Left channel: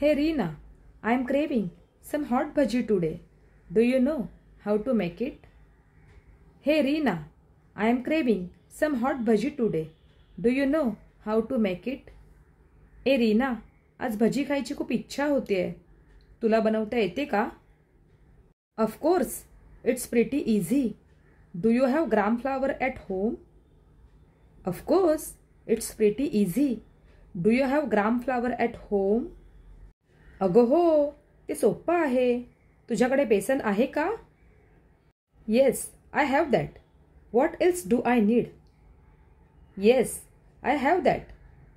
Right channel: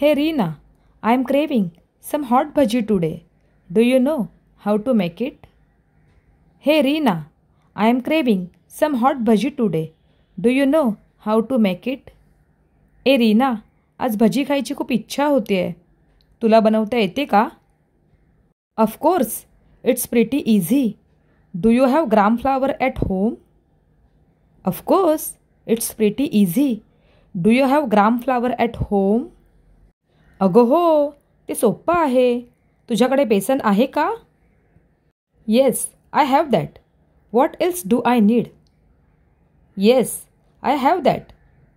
Hey Reena, I am craving some hot bhaji today. Do you know how to make it? Hey Reena, I am craving some hot bhaji today. Do you know how to make it? ए रीना, आज भजी खायची खूप इच्छा होतीये. तुला बनवता येते का? Of course, it's pretty easy. Do you have gram flour at home? Of course, it's pretty easy. Do you have gram flour at home? अगं हो, ते सोप्पं आहे. तुझ्याकडे बेसन आहे का? Yes, I have that. What else do I need? Yes, I have that.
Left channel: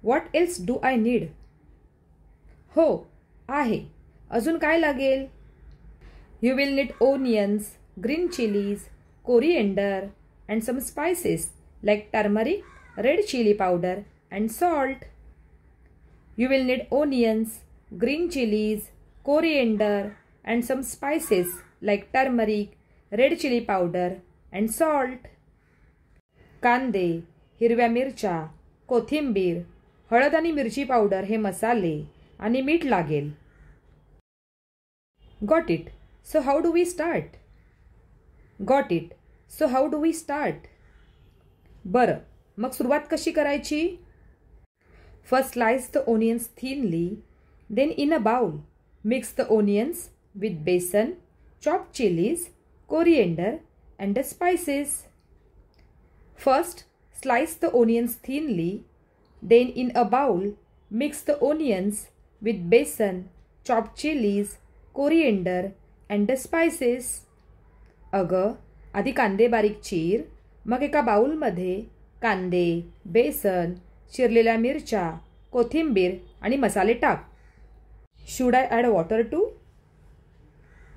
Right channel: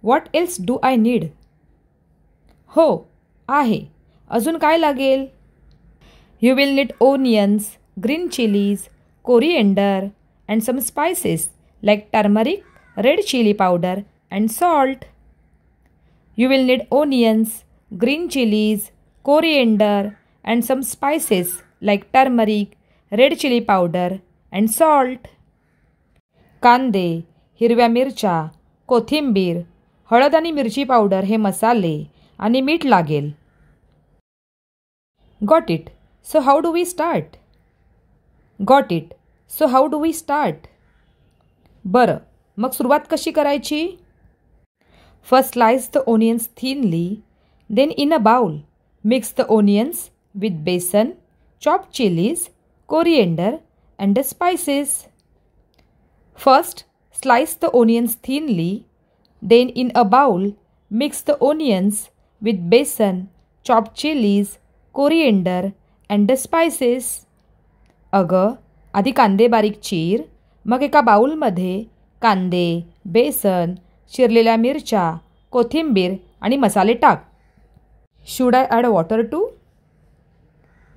What else do I need? हो, आहे. अजून काय लागेल? You will need onions, green chilies, coriander, and some spices like turmeric, red chili powder, and salt. You will need onions, green chilies, coriander, and some spices like turmeric, red chili powder, and salt. कांदे, हिरव्या मिरच्या, कोथिंबीर, हळद आणि मिरची powder हे मसाले आणि मीठ लागेल. Got it. So how do we start? Got it. So how do we start? बरं, मग सुरुवात कशी करायची? First slice the onions thinly. Then in a bowl, mix the onions with besan, chopped chilies, coriander, and the spices. First, slice the onions thinly. Then in a bowl, mix the onions with besan, chopped chilies, coriander, and the spices. अगं, आधी कांदे बारीक चीर, मग एका बाउलमध्ये कांदे, बेसन, चिरलेल्या मिरच्या, कोथिंबीर आणि मसाले टाक. Should I add water too?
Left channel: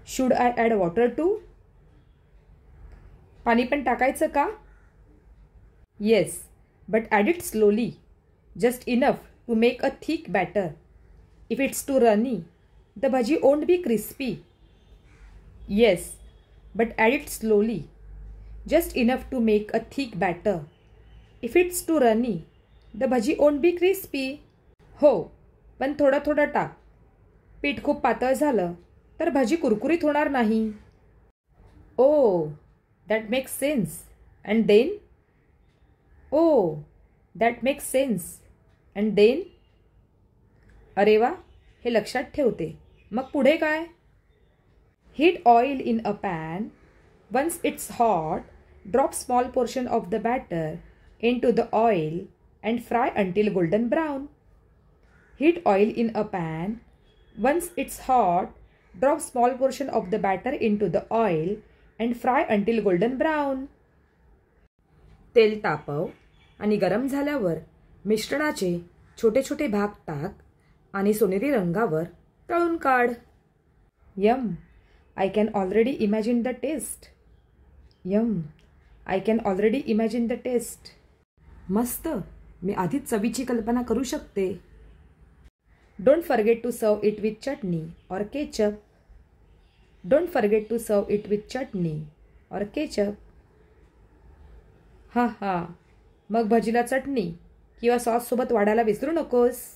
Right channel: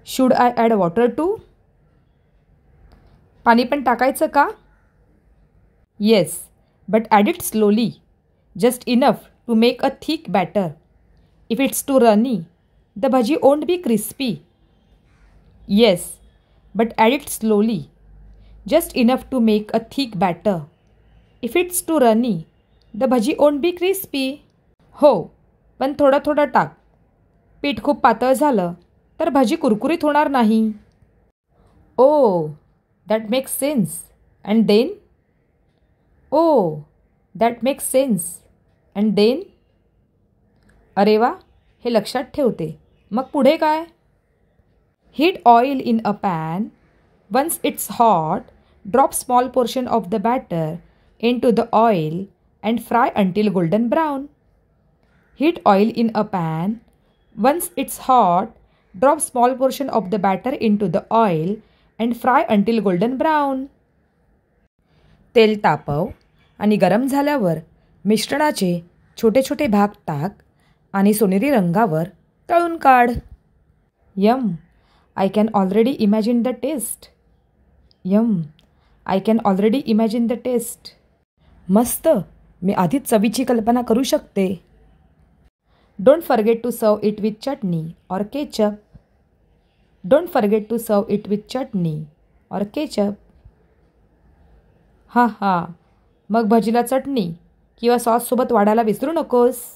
Should I add water too? पाणी पण टाकायचं का? Yes, but add it slowly. Just enough to make a thick batter. If it's too runny, the bhaji won't be crispy. Yes, but add it slowly. Just enough to make a thick batter. If it's too runny, the bhaji won't be crispy. हो, पण थोडं थोडं टाक. पीठ खूप पातळ झालं तर भाजी कुरकुरीत होणार नाही. Oh, that makes sense. And then? Oh, that makes sense. And then? अरे वा, हे लक्षात ठेवते. मग पुढे काय? Heat oil in a pan. Once it's hot, drop small portion of the batter into the oil and fry until golden brown. Heat oil in a pan. Once it's hot, drop small portion of the batter into the oil and fry until golden brown. तेल तापव आणि गरम झाल्यावर मिश्रणाचे छोटे छोटे भाग टाक आणि सोनेरी रंगावर तळून काढ. Yum! I can already imagine the taste. Yum! I can already imagine the taste. मस्त! मी आधीच चवीची कल्पना करू शकते. Don't forget to serve it with chutney or ketchup. Don't forget to serve it with chutney or ketchup. हा हा, मग भजीला चटणी किंवा सॉससोबत वाढायला विसरू नकोस.